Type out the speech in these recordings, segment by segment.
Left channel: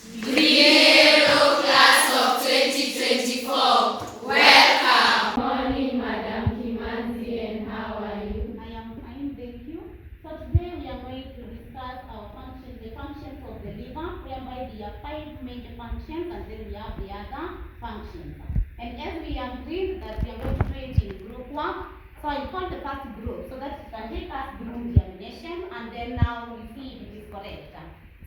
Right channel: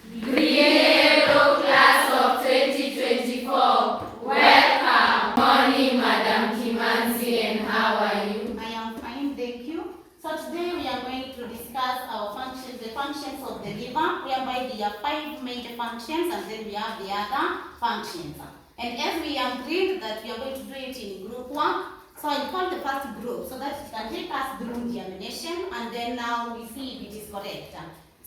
Hello, class of 2024. Welcome. Morning, Madam Kimanzi, and how are you? I am fine, thank you. So today we are going to discuss our functions, the functions of the liver, whereby there are 5 major functions and then we have the other functions. And as we agreed that we are going to do it in group work, so I call the first group so that it can take us through the examination and then now we see if it is correct.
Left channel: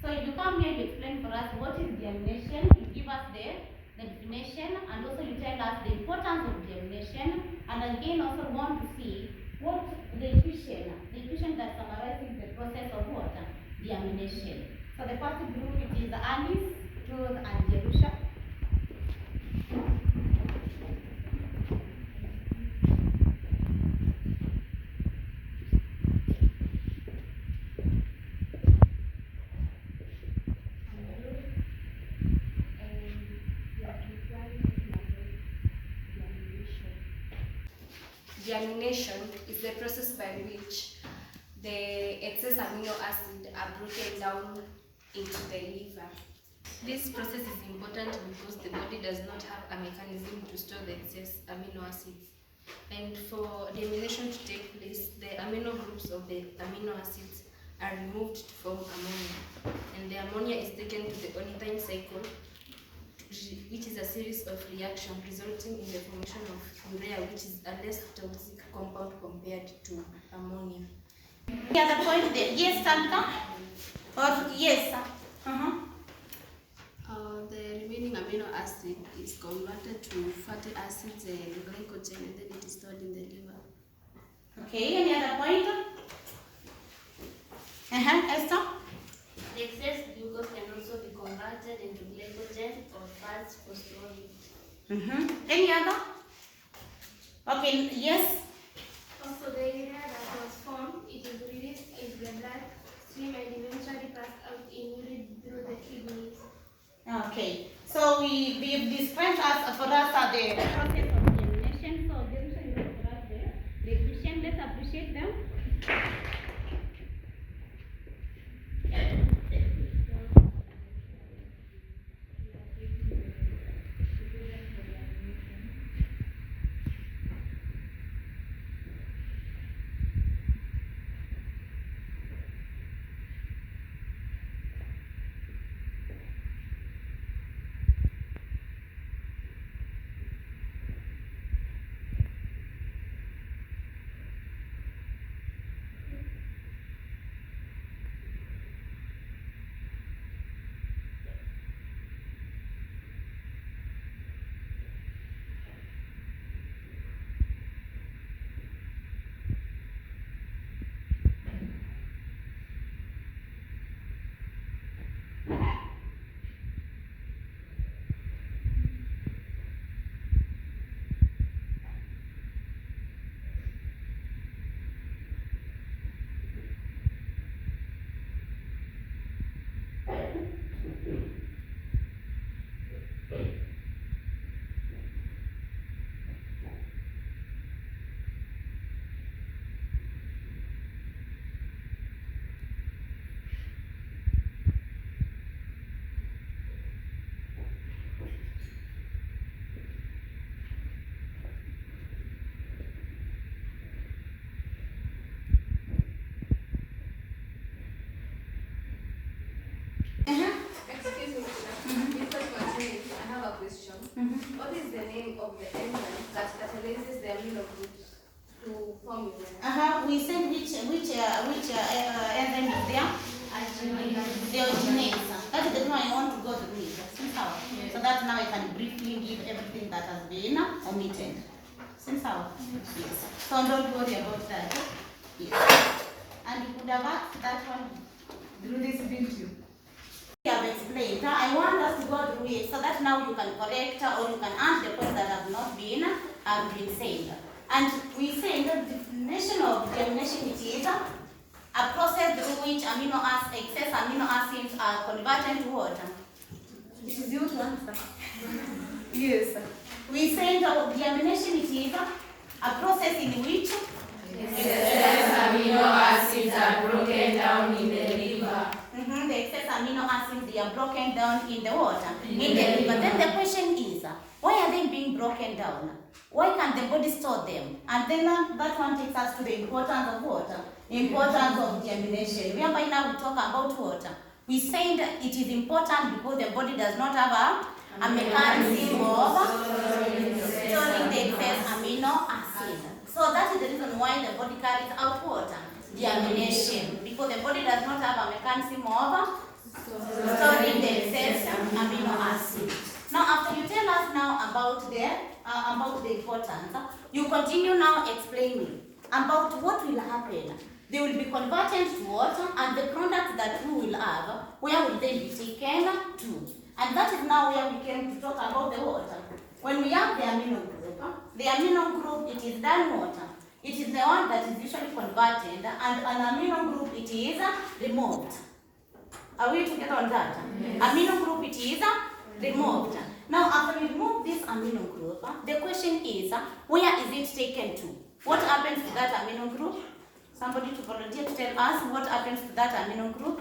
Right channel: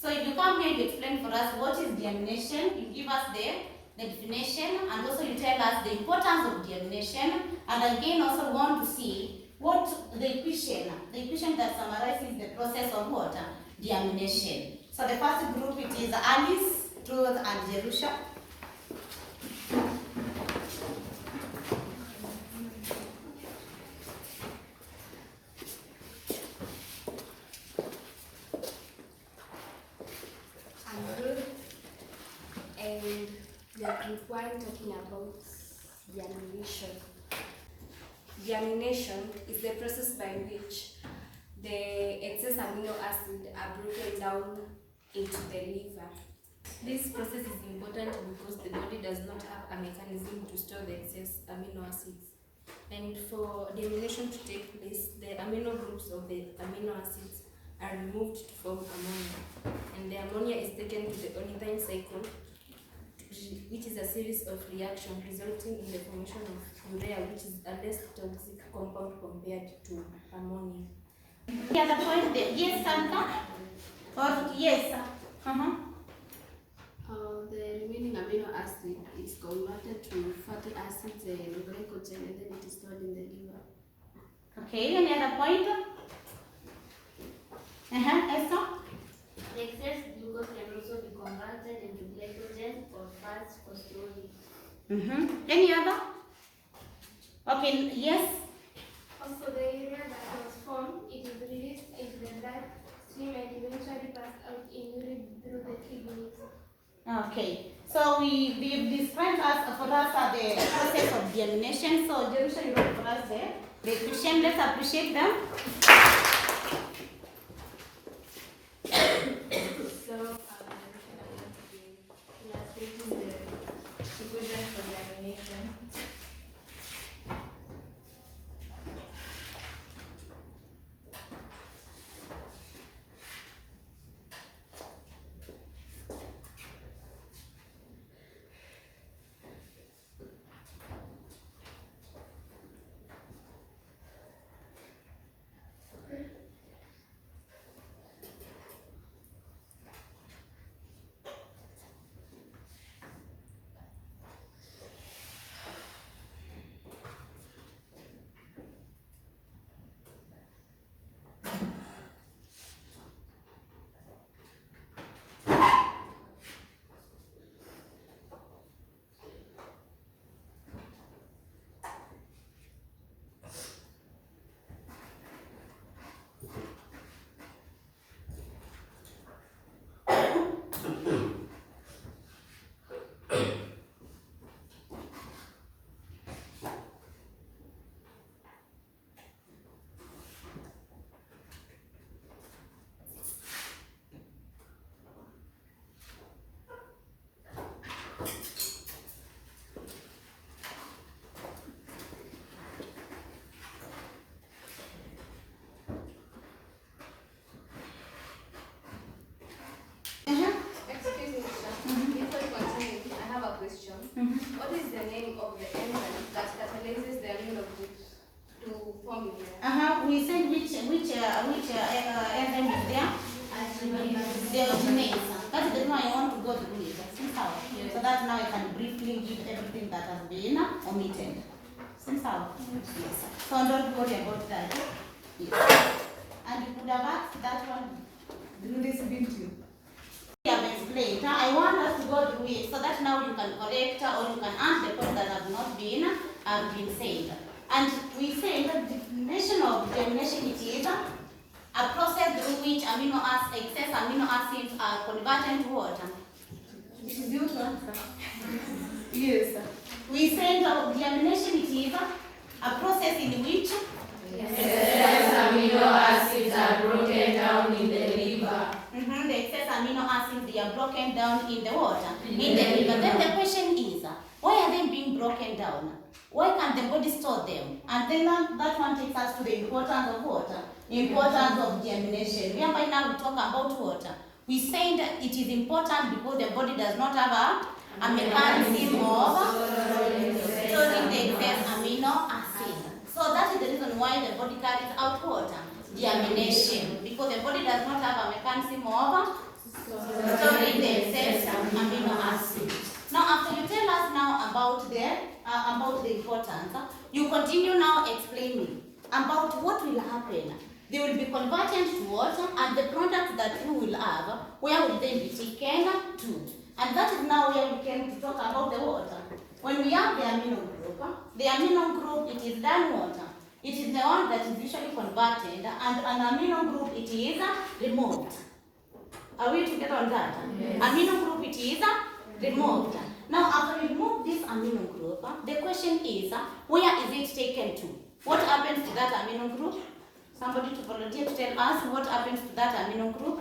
So if you come here, you explain for us what is the examination, you give us the definition, and also you tell us the importance of the examination, and again also want to see what the equation that summarizes the process of what? The examination. So the first group, it is Alice, Truth, and Jerusha. We are group 1 talking about germination. Germination is the process by which the excess amino acid are broken down into the liver. This process is important because the body does not have a mechanism to store the excess amino acids. And for germination to take place, the amino groups of the amino acids are removed to form ammonia. And the ammonia is taken to the ornithine cycle, which is a series of reactions resulting in the formation of urea, which is a less toxic compound compared to ammonia. The other point there, yes, Santa? Or yes? The remaining amino acid is converted to fatty acids and glycogen, and then it is stored in the liver. Okay, any other point? Esther? The excess glucose can also be converted into glycogen or fats for storage. Any other? Okay, yes? Also, the urea that was formed, it is released into the blood stream and eventually passed out in urine through the kidneys. Okay, so we've described for us the process of germination. So Jerusha, you wrote for us the equation. Let's appreciate them. Excuse me, before continuing, I have a question. What is the name of the enzyme that catalyzes the amino groups to form urea? We said which enzyme is there? The originase. That is the one I want to go through it. So that now I can briefly give everything that has been omitted. Since how? Yes. So don't worry about that. Yes. And you could have asked that one through this video. I have explained. I want us to go through it so that now you can correct or you can add the points that have not been said. And we say that the definition of germination it is a process through which excess amino acids are converted to water. This is you to answer. Yes. We say that germination it is a process in which excess amino acids are broken down in the liver. The the excess amino acids, they are broken down in the water, in the liver. Then the question is, why are they being broken down? Why can't the body store them? And then that one takes us to the importance of water, importance of deamination. Remember now we talk about water. We say that it is important because the body does not have a mechanism of storing the excess amino acid. So that is the reason why the body carries out water, deamination, because the body does not have a mechanism of storing the excess amino acid. Now, after you tell us now about the importance, you continue now explaining about what will happen. They will be converted to water, and the product that we will have, where will they be taken to? And that is now where we came to talk about the water. When we have the amino group, it is done water. It is the one that is usually converted, and an amino group, it is removed. Are we together on that? Yes. Amino group, it is removed. Now, after we remove this amino group, the question is, where is it taken to? What happens to that amino group? Somebody to volunteer to tell us what happens to that amino group.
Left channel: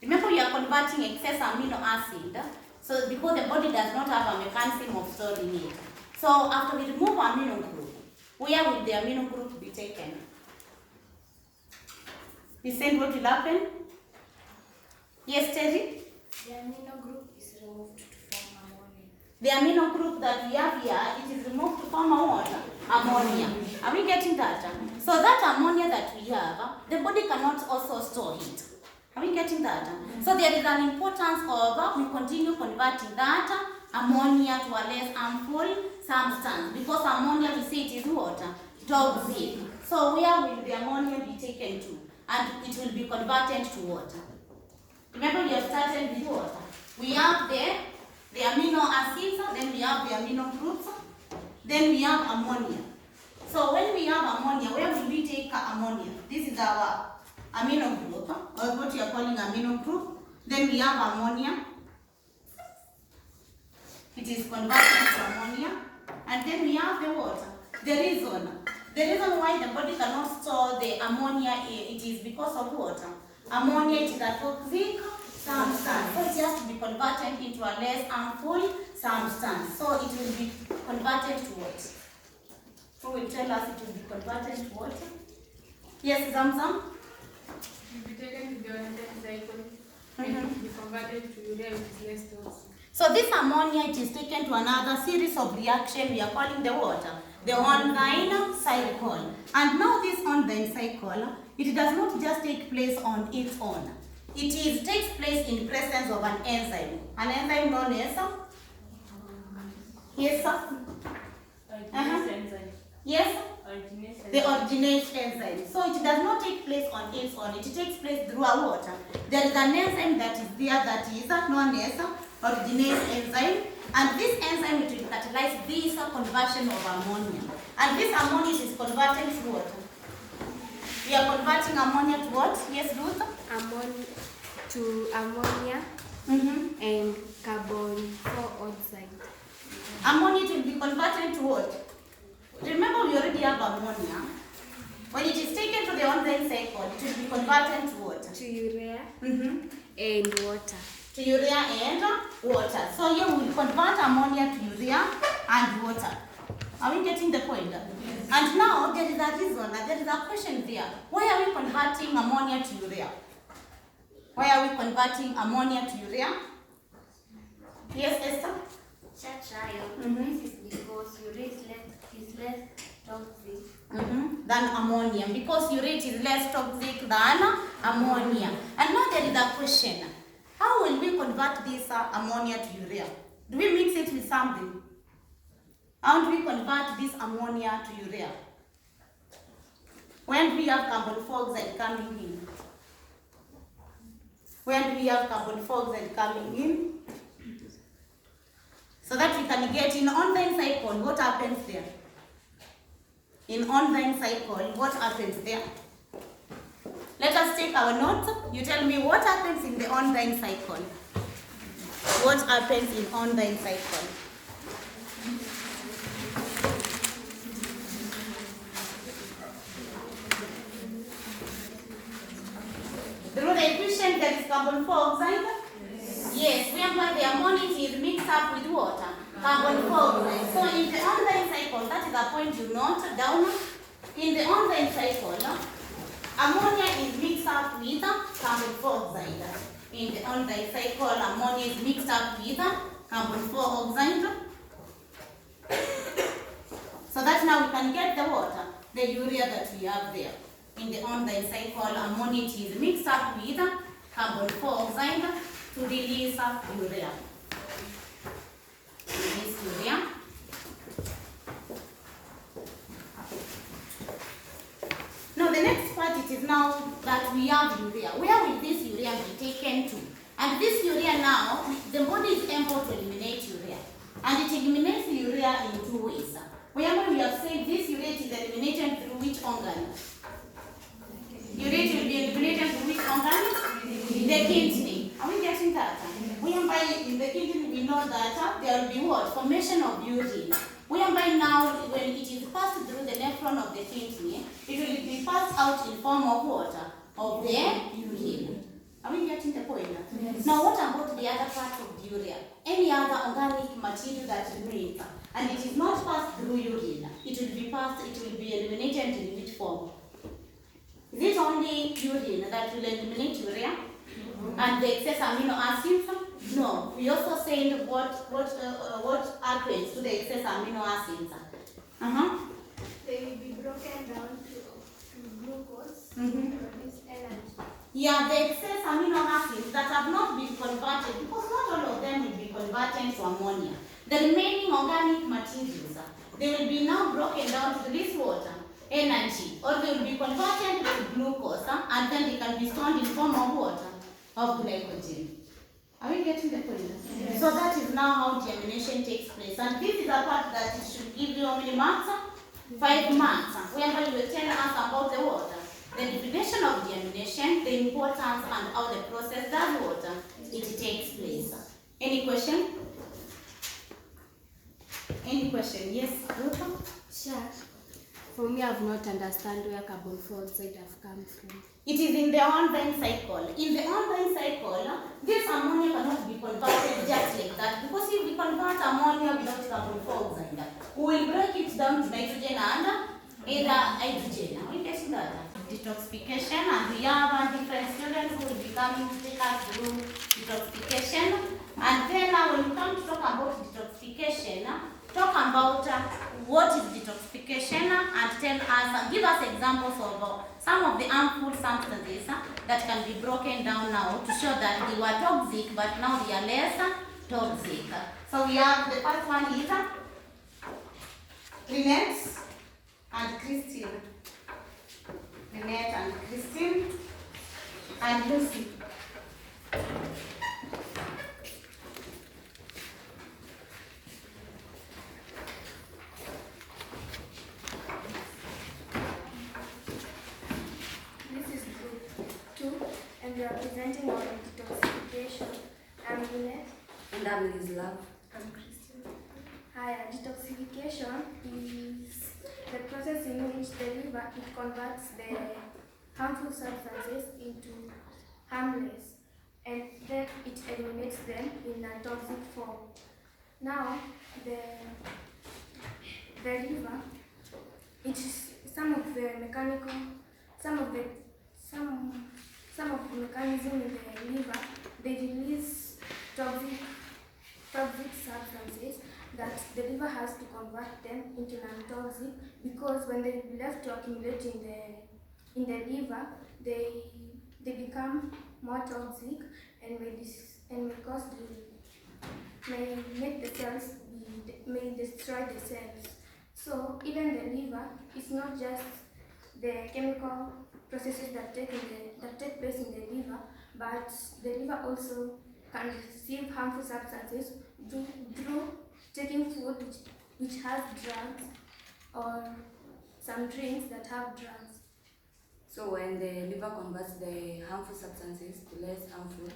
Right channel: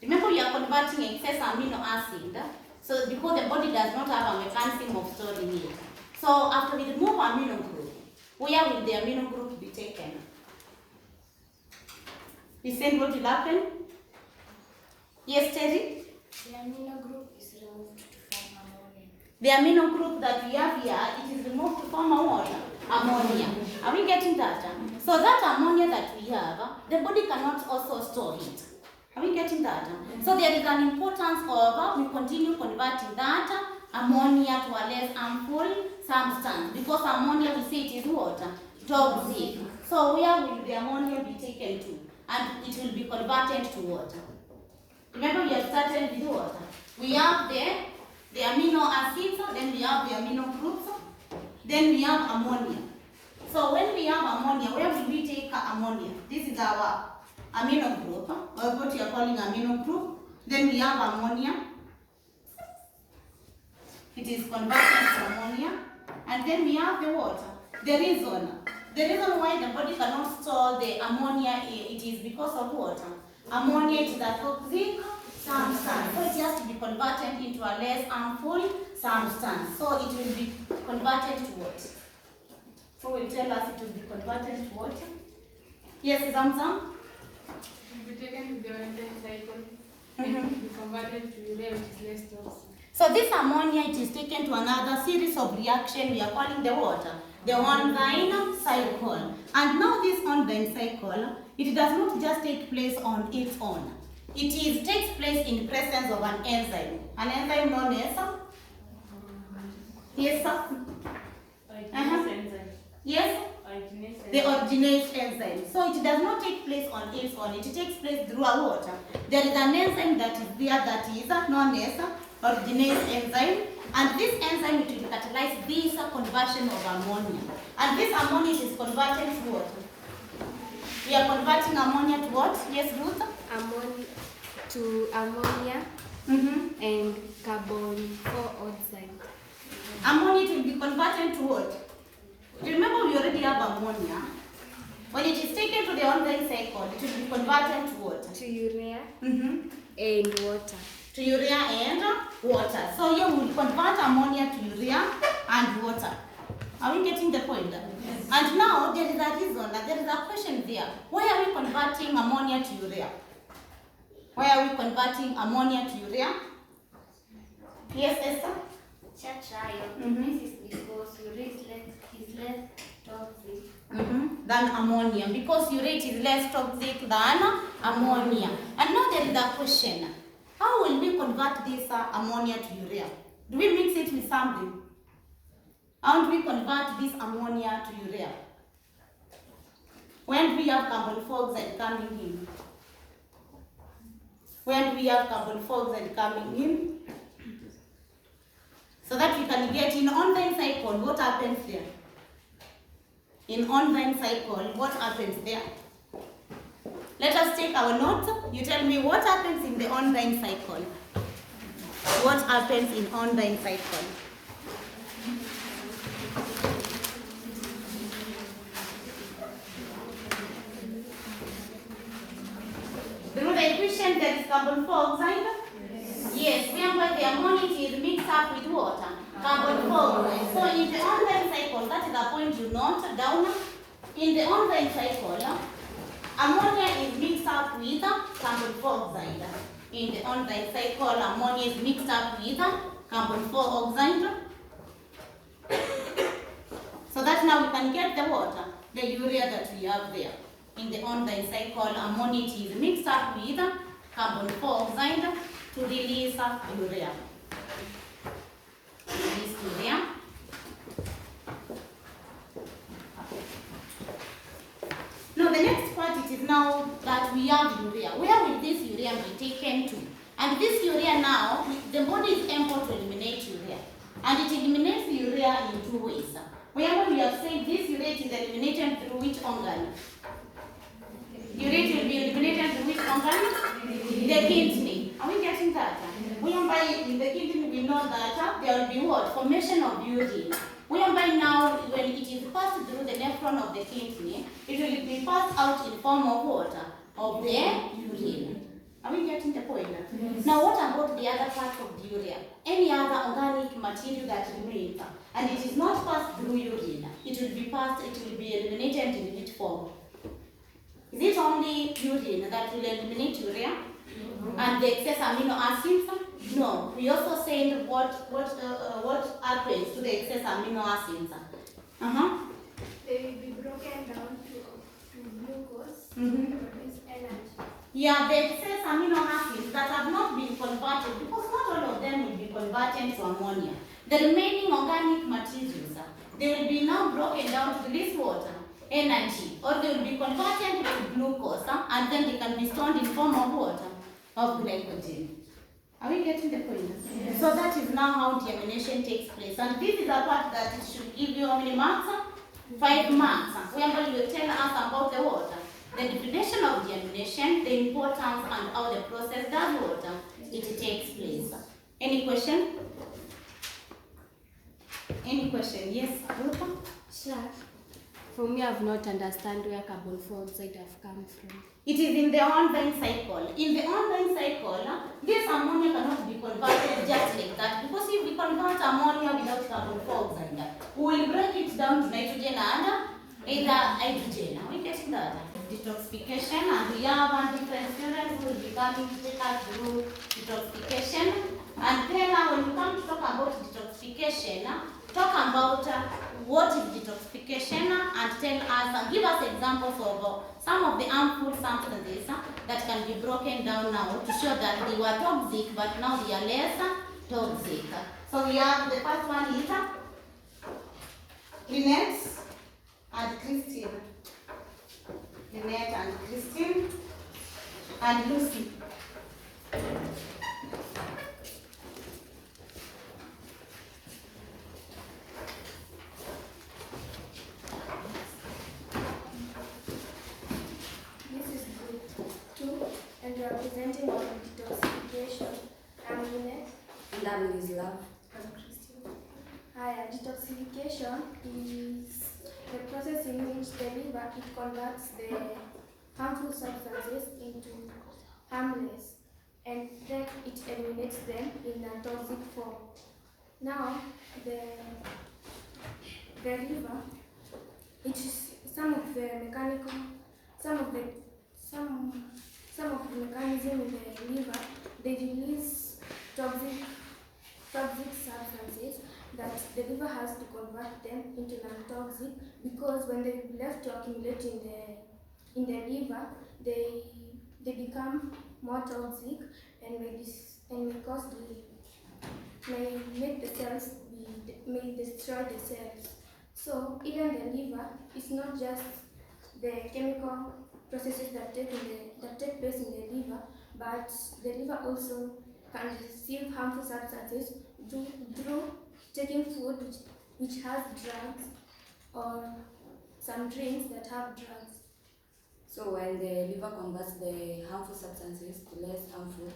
Remember, you are converting excess amino acid, so because the body does not have a mechanism of storing it. So after we remove amino group, where will the amino group be taken? Listen, what will happen? Yes, Terry? The amino group is removed to form ammonia. The amino group that we have here, it is removed to form ammonia. Are we getting that? So that ammonia that we have, the body cannot also store it. Are we getting that? So there is an importance of we continue converting that ammonia to a less harmful substance, because ammonia, we say it is water, toxic. So where will the ammonia be taken to? And it will be converted to water. Remember, we have started with water. We have the amino acids, then we have the amino groups, then we have ammonia. So when we have ammonia, where will we take ammonia? This is our amino group, or what you are calling amino group. Then we have ammonia. It is converted to ammonia. And then we have the water. The reason why the body cannot store the ammonia, it is because of water. Ammonia, it is a toxic substance. So it has to be converted into a less harmful substance. So it will be converted to water. Who will tell us it will be converted to water? Yes, Zamzam? It will be taken to the enzyme cycle and be converted to urea, which is less toxic. So this ammonia, it is taken to another series of reaction we are calling the water, the enzyme cycle. And now this enzyme cycle, it does not just take place on its own. It takes place in presence of an enzyme. An enzyme known as? Yes, sir? Yes? The originate enzyme. So it does not take place on its own. It takes place through a water. There is an enzyme that is there that is known as originate enzyme. And this enzyme, it will catalyze this conversion of ammonia. And this ammonia is converted to what? We are converting ammonia to what? Yes, Ruth? To ammonia and carbon dioxide. Ammonia will be converted to what? Remember, we already have ammonia. When it is taken to the enzyme cycle, it will be converted to what? To urea and water. To urea and water. So here we will convert ammonia to urea and water. Are we getting the point? Yes. And now there is a reason, there is a question there. Why are we converting ammonia to urea? Why are we converting ammonia to urea? Yes, Esther? This is because urea is less toxic than ammonia. Because urea is less toxic than ammonia. And now there is a question. How will we convert this ammonia to urea? Do we mix it with something? How do we convert this ammonia to urea? When do we have carbon dioxide coming in? When do we have carbon dioxide coming in? So that we can get in enzyme cycle, what happens there? In enzyme cycle, what happens there? Let us take our notes. You tell me what happens in the enzyme cycle. What happens in enzyme cycle? Through the equation, there is carbon dioxide? Yes, whereby the ammonia is mixed up with water, carbon dioxide. So in the online cycle, that is a point you note down. In the online cycle, ammonia is mixed up with carbon dioxide. In the online cycle, ammonia is mixed up with carbon dioxide. So that now we can get the water, the urea that we have there. In the online cycle, ammonia is mixed up with carbon dioxide to release urea. Release urea. Now the next part it is now that we have urea. Where will this urea be taken to? And this urea now, the body is able to eliminate urea. And it eliminates urea in two ways. Whenever we have said this urea is eliminated through which organ? Urea will be eliminated through which organ? The kidney. Are we getting that? Whereby in the kidney we know that there will be what? Formation of urine. Whereby now when it is passed through the nephron of the kidney, it will be passed out in form of water, of the urine. Are we getting the point? Yes. Now what about the other part of the urea? Any other organic material that remains and it is not passed through urine, it will be eliminated in which form? Is it only urine that will eliminate urea? And the excess amino acids? No. We also said what happens to the excess amino acids? They will be broken down to glucose to produce energy. Yeah, the excess amino acids that have not been converted, because not all of them will be converted to ammonia. The remaining organic materials, they will be now broken down to release water, energy, or they will be converted to glucose, and then they can be stored in form of water, of glycogen. Are we getting the point? Yes. So that is now how deamination takes place. And this is a part that it should give you how many marks? 5 marks. Whereby you will tell us about the water. The definition of deamination, the importance and how the process does water, it takes place. Any question? Any question? Yes, Ruth? Sure. For me, I've not understand where carbon dioxide have come from. It is in the online cycle. In the online cycle, this ammonia cannot be converted just like that, because if we convert ammonia without carbon dioxide, we will break it down to nitrogen and either hydrogen. Are we getting that? Detoxification, and we have different students who will be coming to take us through detoxification. And then when you come to talk about detoxification, talk about what is detoxification and tell us, give us examples of some of the harmful substances that can be broken down now to show that they were toxic, but now they are less toxic. So we have the first one is Lynette and Christine. Lynette and Christine and Lucy. And we are presenting on detoxification. I'm Lynette. And I'm Love. I'm Christine. Hi, detoxification is the process in which the liver converts the harmful substances into harmless, and then it eliminates them in a toxic form. Now, the liver, it is some of the mechanism in the liver, they release toxic substances that the liver has to convert them into non-toxic, because when they left to accumulate in the liver, they become more toxic and may destroy the cells. So even the liver is not just the chemical processes that take place in the liver, but the liver also can receive harmful substances through taking food which has drugs or some drinks that have drugs. So when the liver converts the harmful substances to less harmful,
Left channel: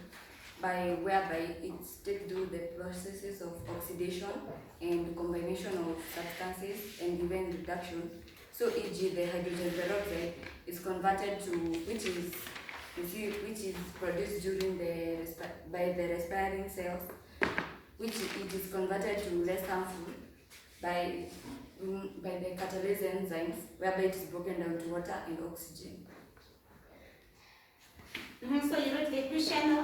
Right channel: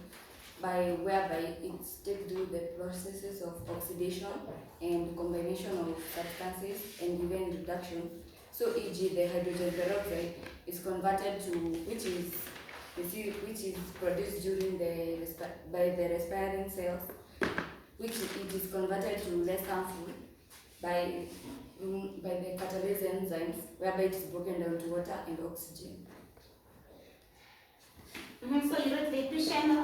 whereby it's take do the processes of oxidation and combination of substances and even reduction. So e.g. the hydrogen peroxide is converted to, which is which is produced during by the respiring cells, which it is converted to less harmful by the catalase enzymes, whereby it is broken down to water and oxygen. So you read the question,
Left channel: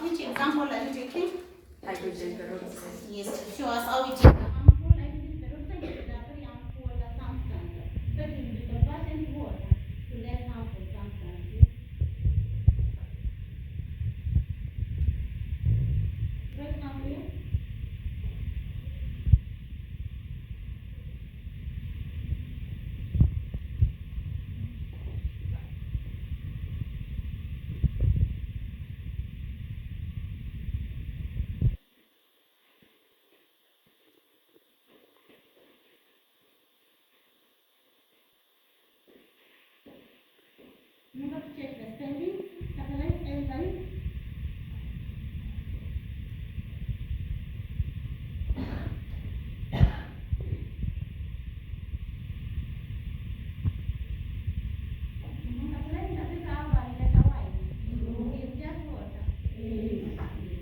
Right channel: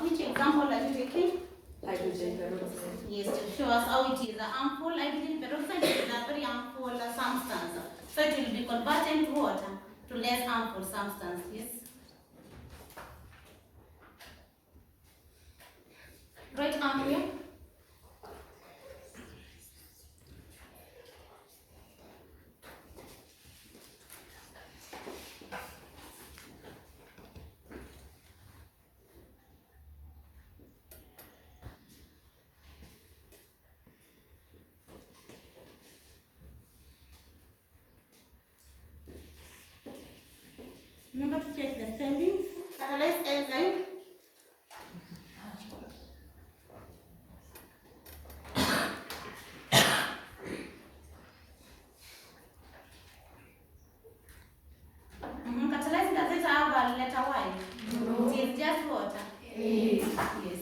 which example are you taking? Hydrogen peroxide. Yes, to show us how it is a harmful. Hydrogen peroxide is a very harmful substance. So it will be converted to water to less harmful substance. Yes. Right arm here. Remember to check the spelling. Catalase enzyme. Catalase, does it have a letter Y? No. It is just water. Yes. Yes.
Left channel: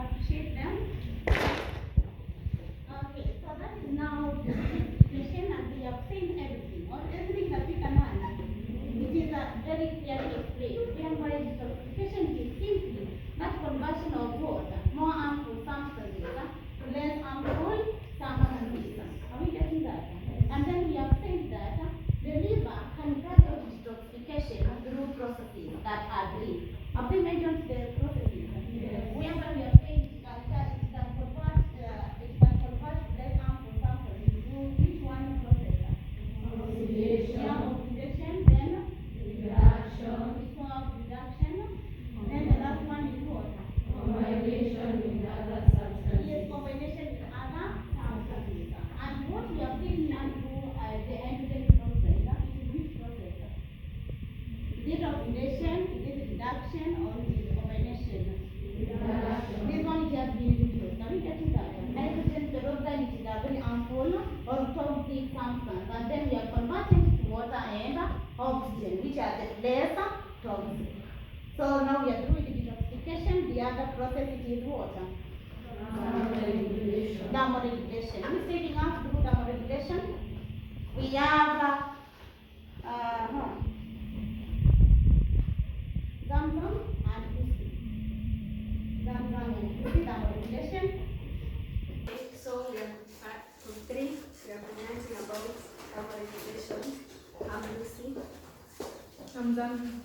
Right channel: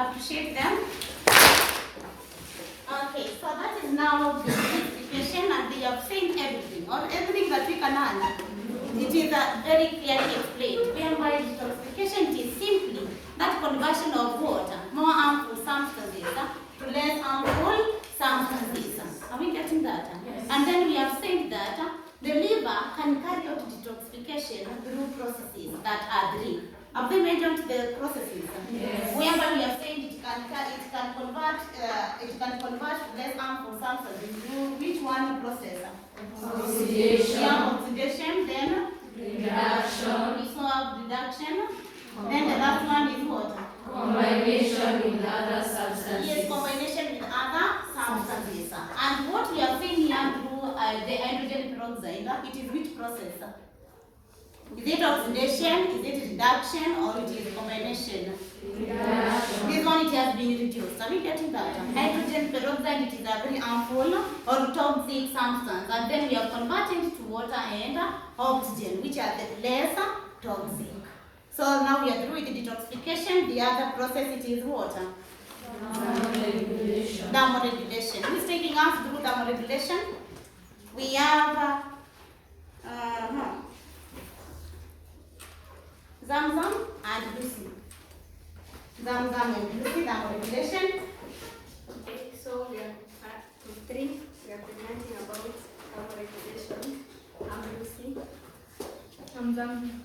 Appreciate them. Okay, so that is now the specification, and they have seen everything, or everything that we can learn. It is very clearly explained. Whereby detoxification is simply that conversion of water, more harmful substances, to less harmful substances. Are we getting that? Yes. And then we have said that the liver can carry out detoxification through processes that are three. Have they mentioned the processes? Yes. Whereby we have said it can convert less harmful substances through which one process? Oxidation. Yeah, oxidation, then Reduction. we saw reduction. Then the last one is what? Combination with other substances. Yes, combination with other substances. And what we have seen here through the hydrogen peroxide, it is which process? Is it oxidation, is it reduction, or it is combination? Reduction. This one it has been reduced. Are we getting that? Hydrogen peroxide, it is a very harmful or toxic substance. And then we have converted to water and oxygen, which are the less toxic. So now we are through with the detoxification. The other process, it is water. Thermoregulation. Thermoregulation. Who is taking us through thermoregulation? We have Zamzam and Lucy. Zamzam and Lucy, thermoregulation. Okay, so we are we are presenting about thermoregulation. I'm Lucy. I'm Zam.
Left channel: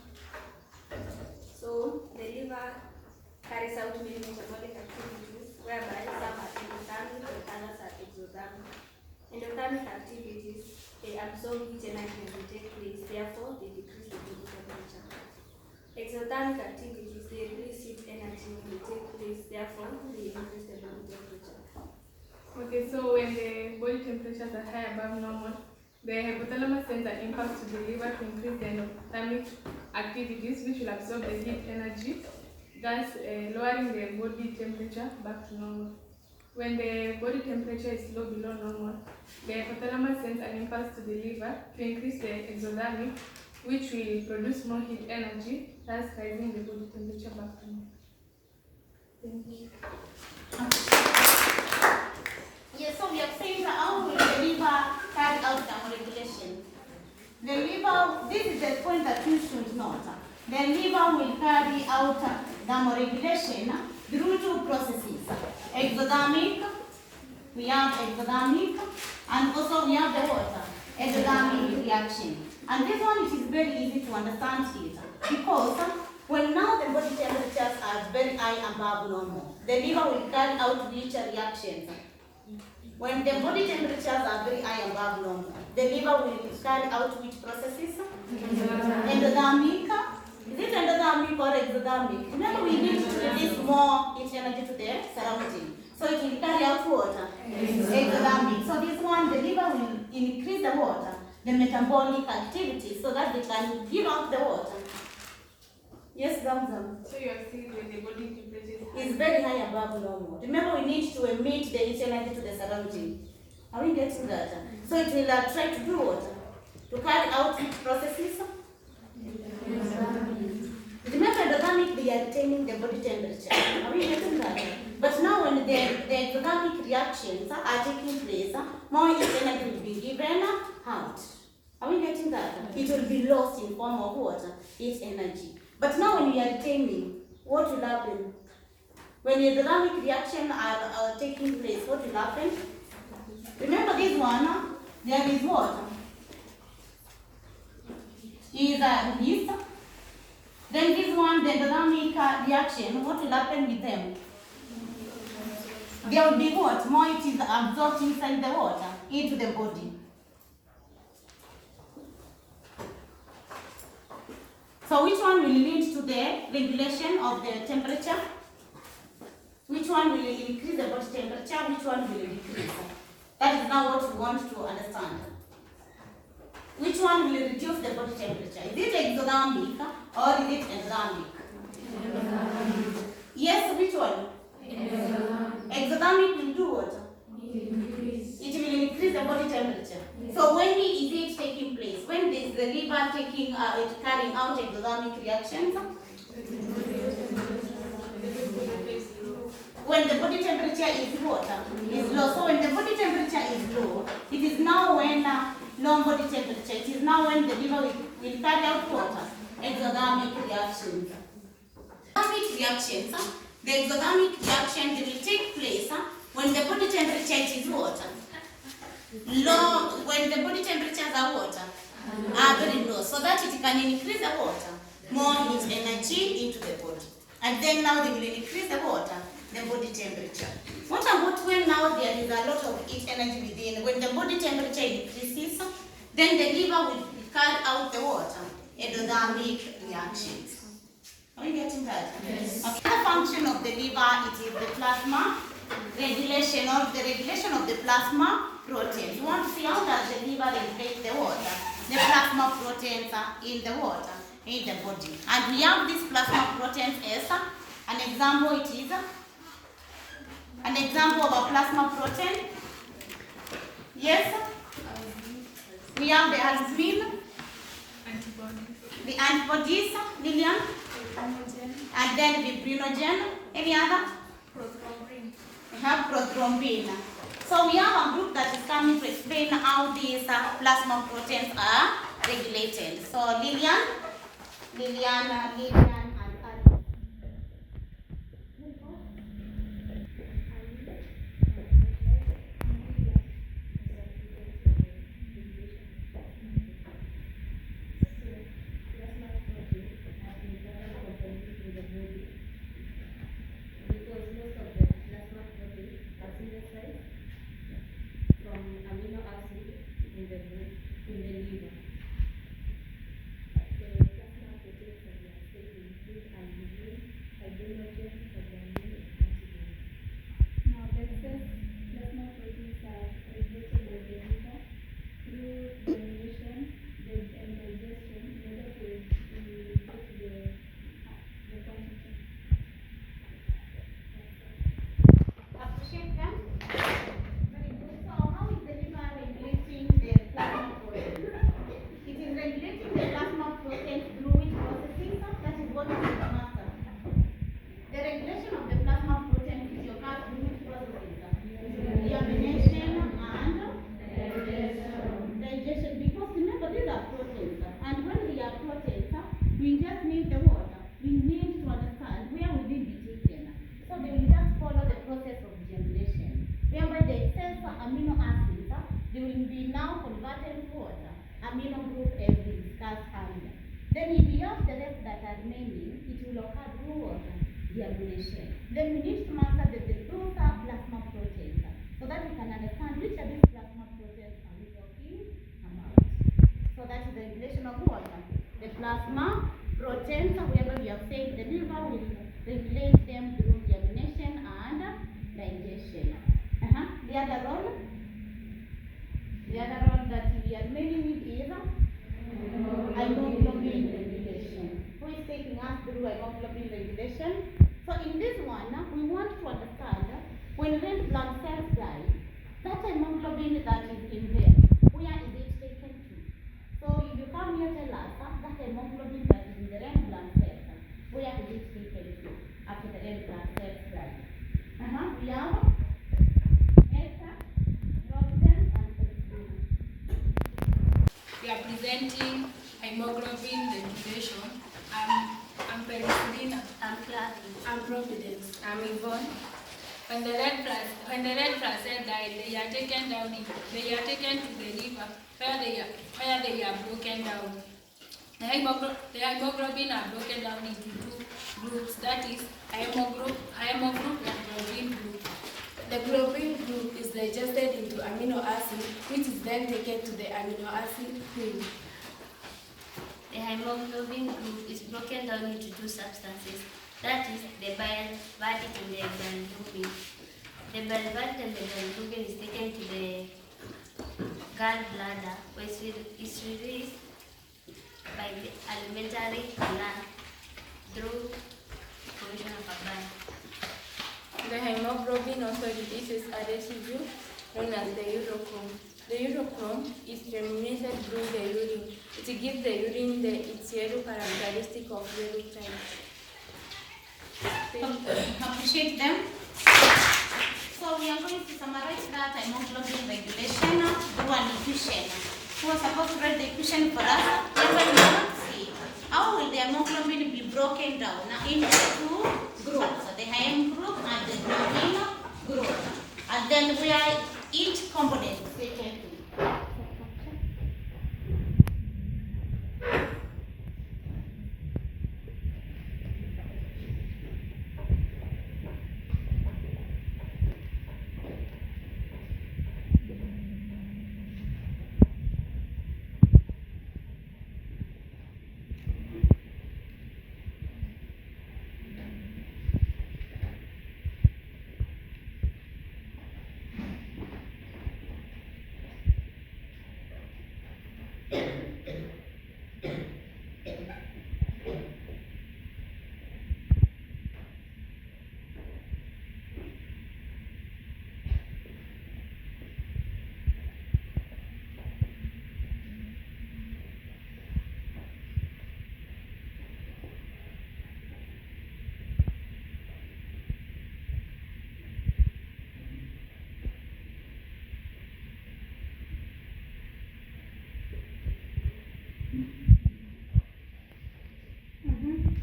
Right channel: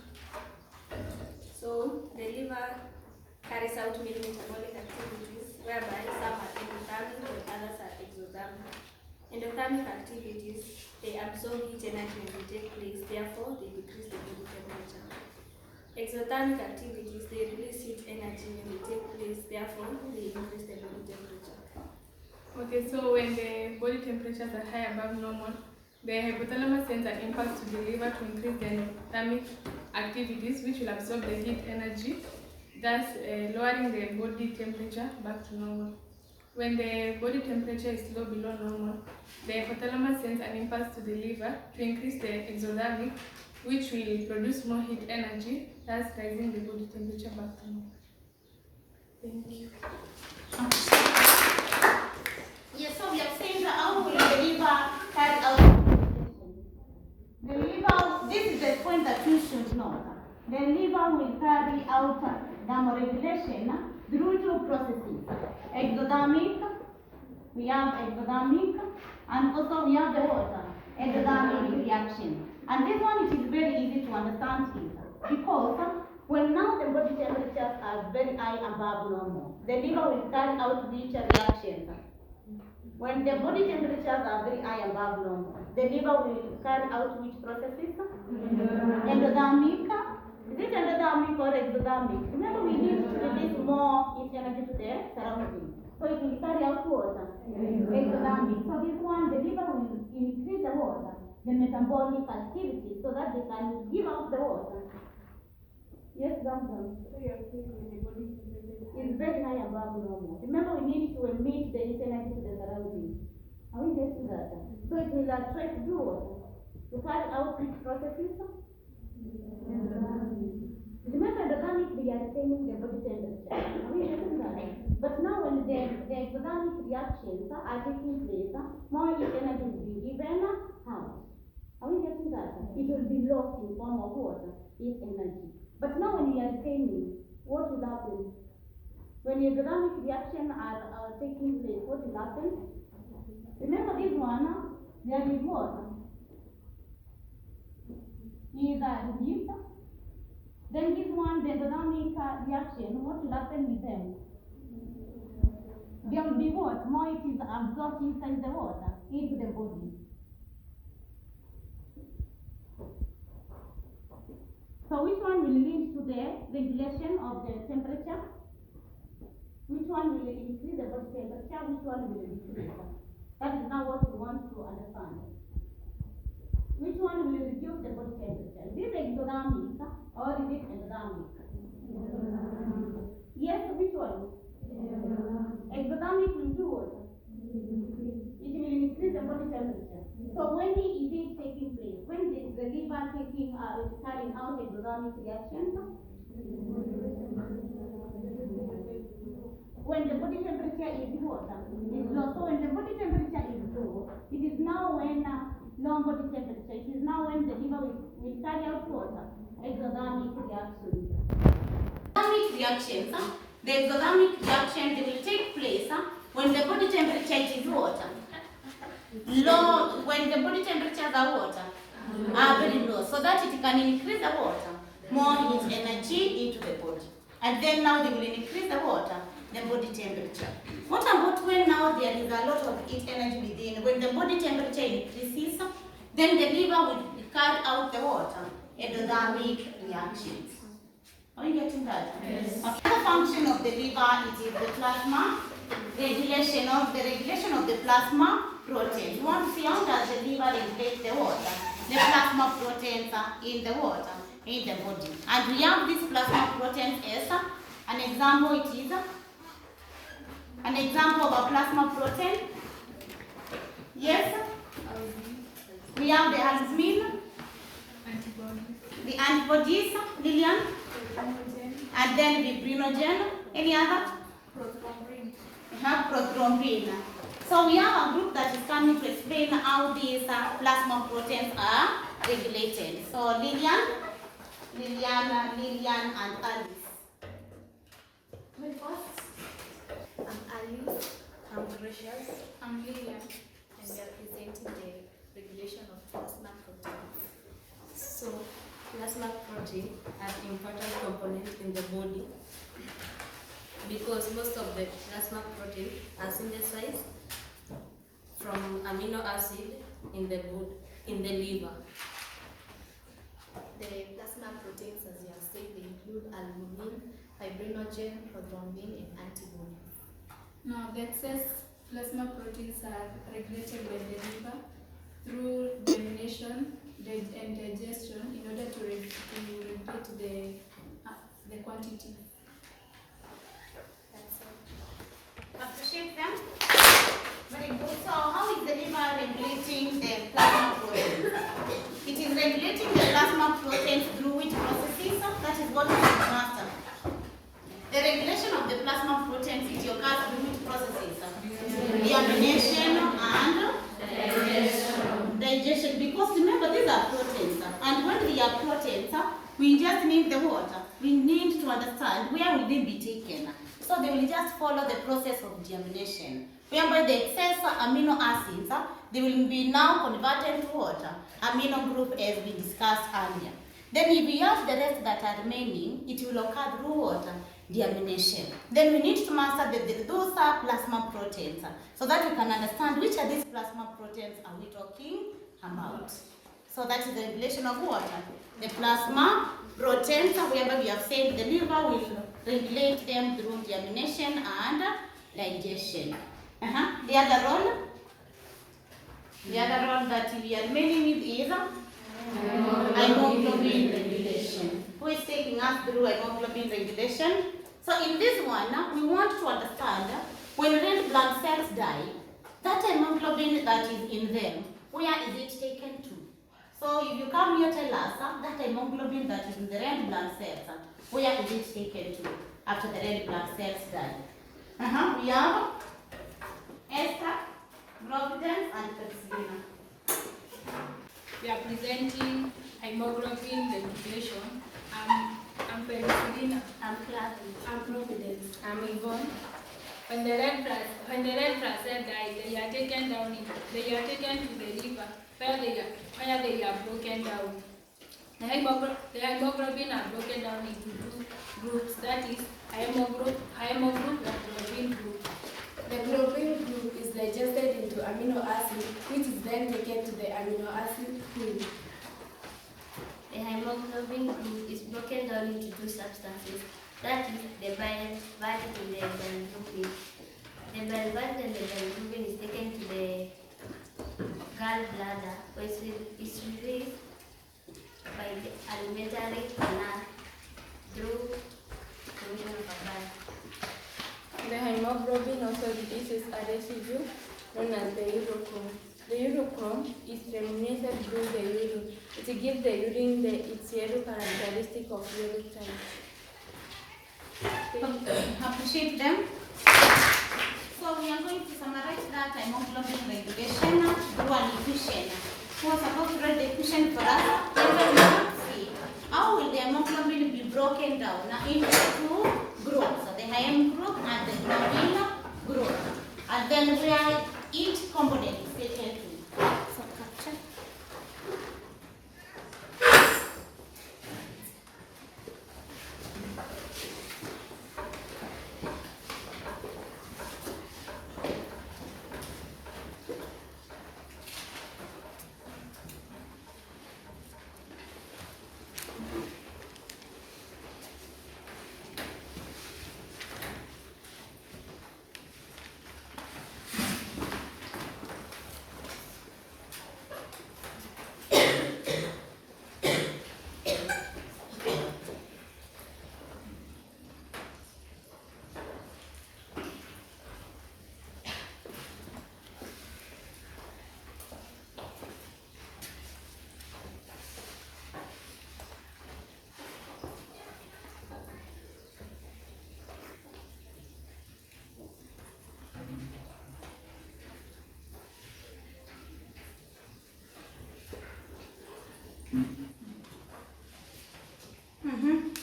So the liver carries out many metabolic activities, whereby some are endothermic and others are exothermic. Endothermic activities, they absorb heat energy when they take place, therefore they decrease the body temperature. Exothermic activities, they release heat energy when they take place, therefore they increase the body temperature. Okay, so when the body temperatures are high above normal, the hypothalamus sends an impulse to the liver to increase the endothermic activities, which will absorb the heat energy, thus lowering the body temperature back to normal. When the body temperature is low below normal, the hypothalamus sends an impulse to the liver to increase the exothermic, which will produce more heat energy, thus rising the body temperature back to normal. Thank you. Yes, so we have seen how will the liver carry out thermoregulation. The liver, this is the point that you should note. The liver will carry out thermoregulation through two processes. Exothermic, we have exothermic, and also we have the water, exothermic reaction. And this one it is very easy to understand it, because when now the body temperatures are very high above normal, the liver will carry out which reactions? When the body temperatures are very high above normal, the liver will carry out which processes? Endothermic. Is it endothermic or exothermic? Remember, we need to release more heat energy to the surrounding. So it will carry out water. Exothermic. So this one, the liver will increase the water, the metabolic activity, so that they can give out the water. Yes, Zamzam. So you are saying when the body temperature Is very high above normal. Remember, we need to emit the heat energy to the surrounding. Are we getting that? So it will try to do what? To carry out processes. Remember, endothermic, they are retaining the body temperature. Are we getting that? But now when the endothermic reactions are taking place, more heat energy will be given out. Are we getting that? It will be lost in form of water, heat energy. But now when we are retaining, what will happen? When the endothermic reaction are taking place, what will happen? Remember this one, there is what? Is released. Then this one, the endothermic reaction, what will happen with them? There will be what? More it is absorbed inside the water, into the body. So which one will lead to the regulation of the temperature? Which one will increase the body temperature? Which one will decrease? That is now what we want to understand. Which one will reduce the body temperature? Is it exothermic or is it endothermic? Yes, which one? Exothermic will do what? It will increase the body temperature. So when is it taking place? When is the liver taking carrying out exothermic reactions? When the body temperature is what? Is low. So when the body temperature is low, it is now when low body temperature. It is now when the liver will carry out what? Exothermic reactions. Exothermic reactions. The exothermic reaction, they will take place when the body temperature is what? Low. When the body temperatures are what? Are very low, so that it can increase the water, more heat energy into the body. And then now they will increase the water, the body temperature. What about when now there is a lot of heat energy within? When the body temperature increases, then the liver will carry out the water, endothermic reactions. Are you getting that? Yes. Okay. The function of the liver, it is the plasma regulation of the plasma proteins. You want to see how does the liver regulate the water, the plasma proteins in the water, in the body. And we have these plasma proteins as an example. It is an example of a plasma protein. Yes. We have the albumin, the antibodies, Lillian, and then the fibrinogen. Any other? We have prothrombin. So we have a group that is coming to explain how these plasma proteins are regulated. So Lillian, and Alice. I'm Precious. I'm Lillian. And we are presenting the regulation of plasma protein. So, plasma protein are important components in the body because most of the plasma protein are synthesized from amino acid in the liver. The plasma proteins, as you have said, they include albumin, fibrinogen, prothrombin, and antibody. Now, the excess plasma proteins are regulated by the liver through elimination and digestion in order to regulate the quantity. That's all. Appreciate them? Very good. So how is the liver regulating the plasma proteins? It is regulating the plasma proteins through which processes? That is what we master. The regulation of the plasma proteins it occurs through which processes? Deamination and digestion. Because remember, these are proteins. And when they are proteins, we just need the water. We need to understand where will they be taken. So they will just follow the process of deamination, whereby the excess amino acids, they will be now converted to water, amino group as we discussed earlier. Then if we have the rest that are remaining, it will occur through water, deamination. Then we need to master those plasma proteins so that we can understand which of these plasma proteins are we talking about. So that is the regulation of water. The plasma proteins, whereby we have said the liver will regulate them through deamination and digestion. The other role? The other role that we are remaining with is hemoglobin regulation. Who is taking taking us through hemoglobin regulation. So in this one, we want to understand when red blood cells die, that hemoglobin that is in them, where is it taken to? So if you come here, tell us that hemoglobin that is in the red blood cells, where is it taken to after the red blood cells die? We have Esther, Providence, and Christina. We are presenting hemoglobin regulation. I'm Christina. I'm Clappy. I'm Providence. I'm Yvonne. When the red blood cells die, they are taken to the liver where they are broken down. The hemoglobin are broken down into two groups, that is hemogroup and globin group. The globin group is digested into amino acid, which is then taken to the amino acid pool. The hemoglobin group is broken down into two substances, that is the biliverdin and the bilirubin. The biliverdin and the bilirubin is taken to the gallbladder, where it's released by the alimentary gland through formation of a bile. The hemoglobin also releases a residue known as the urochrome. The urochrome is terminated through the urine. It gives the urine its yellow characteristic of yellow tint. Appreciate them. So we are going to summarize that hemoglobin regulation through an equation. Who was supposed to write the equation for us? Everybody will see. How will the hemoglobin be broken down into two groups, the hem group and the globin group, and then where each component is taken to.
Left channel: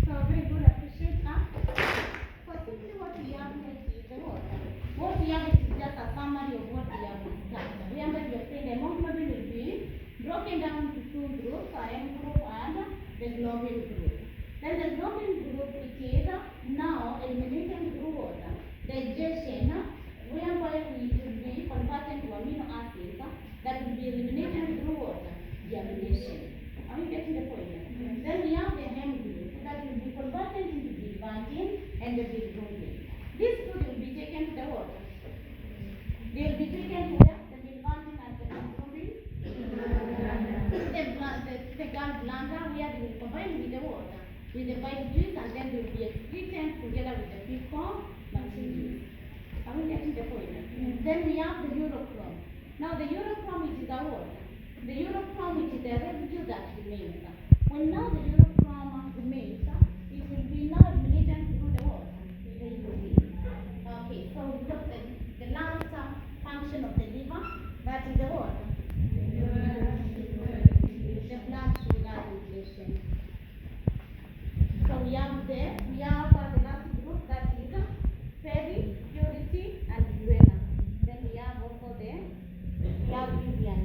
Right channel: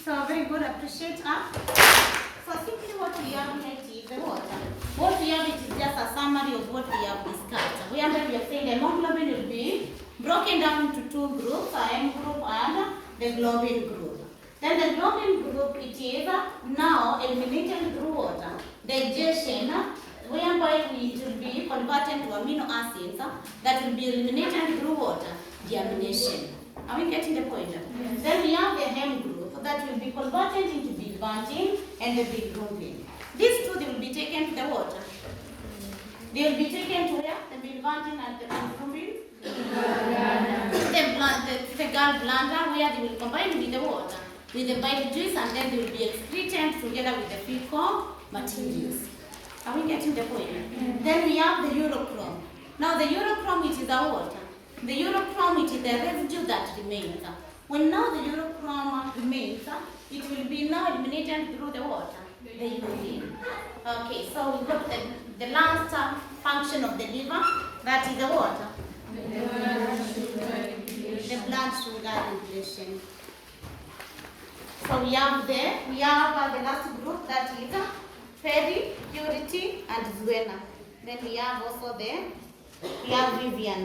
So very good, appreciate that. So simply what we have here is the water. What we have is just a summary of what we have discussed. We have saying the hemoglobin will be broken down into two groups, a M group and the globin group. Then the globin group, it is now eliminated through water. Digestion, whereby it will be converted to amino acids that will be eliminated through water, deamination. Are we getting the point? Yes. Then we have the hem group that will be converted into biliverdin and the bilirubin. These two, they will be taken to the water. They will be taken to where? The biliverdin and the bilirubin? The gallbladder, where they will combine with the water, with the bile juice, and then they will be excreted together with the fecal materials. Are we getting the point? Mm-hmm. Then we have the urochrome. Now the urochrome, it is the water. The urochrome, it is the residue that remains. When now the urochrome remains, it will be now eliminated through the water, the urine. Okay, so we got the last function of the liver, that is the water. The blood sugar regulation. So we have the last group, that is Ferry, Purity, and Zuena. Then we have also we have Vivian.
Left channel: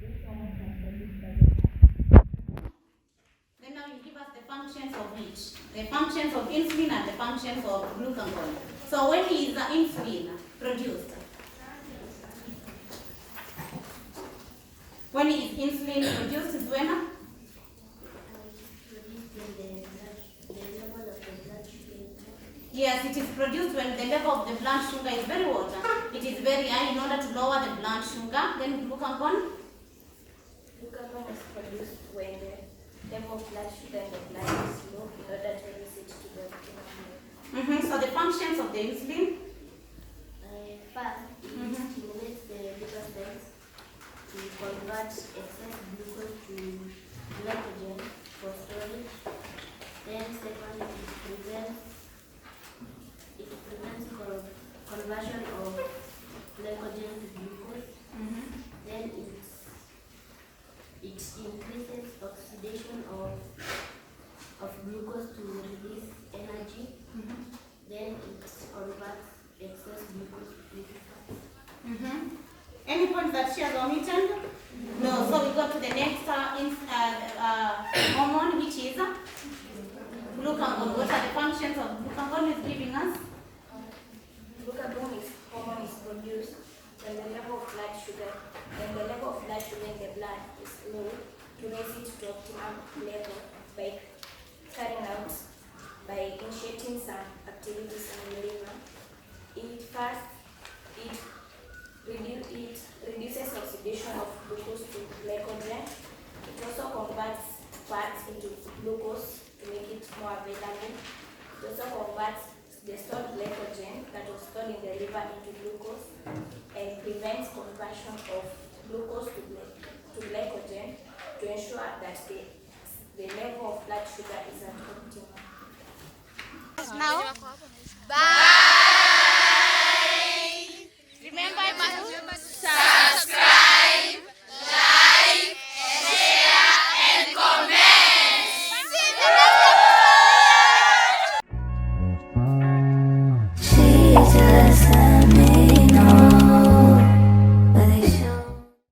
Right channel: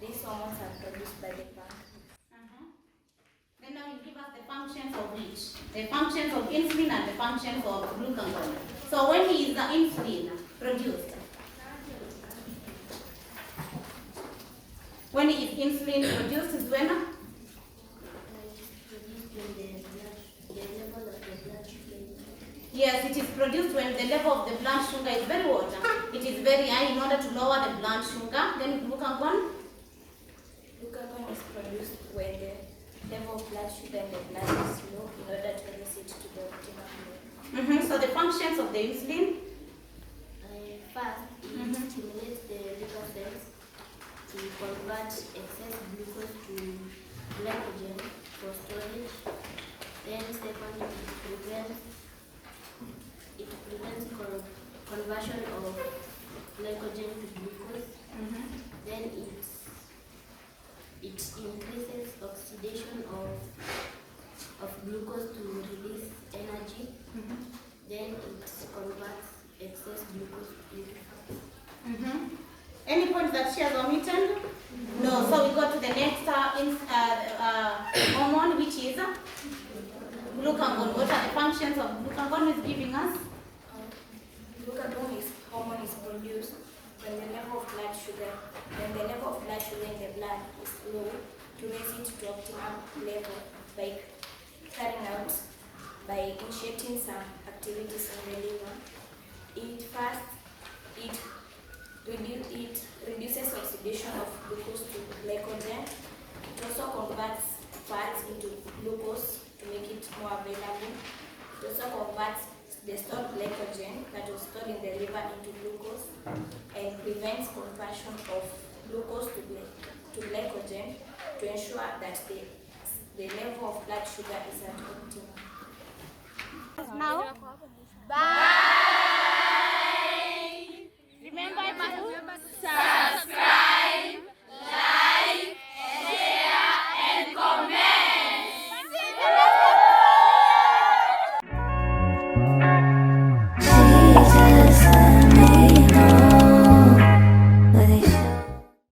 These hormones insulin and the functions of glucagon. So when is the insulin produced? When is insulin produced is when? Yes, it is produced when the level of the blood sugar is very what? It is very high in order to lower the blood sugar. Then glucagon? Glucagon is produced when the level of blood sugar in the blood is low in order to raise it to the optimal level. So the functions of the insulin? First, it stimulates the liver cells to convert excess glucose to glycogen for storage. Then second, it prevents conversion of glycogen to glucose. Then it increases oxidation of glucose to release energy. Then it converts excess glucose into fat. Any point that she has omitted? No. So we go to the next hormone, which is glucagon. What are the functions of glucagon is giving us? Glucagon hormone is produced when the level of blood sugar in the blood is low to raise it to optimum level by initiating some activities in the liver. It reduces oxidation of glucose to glycogen. It also converts fats into glucose to make it more available. It also converts the stored glycogen that was stored in the liver into glucose and prevents conversion of glucose to glycogen to ensure that the level of blood sugar is at optimum. Now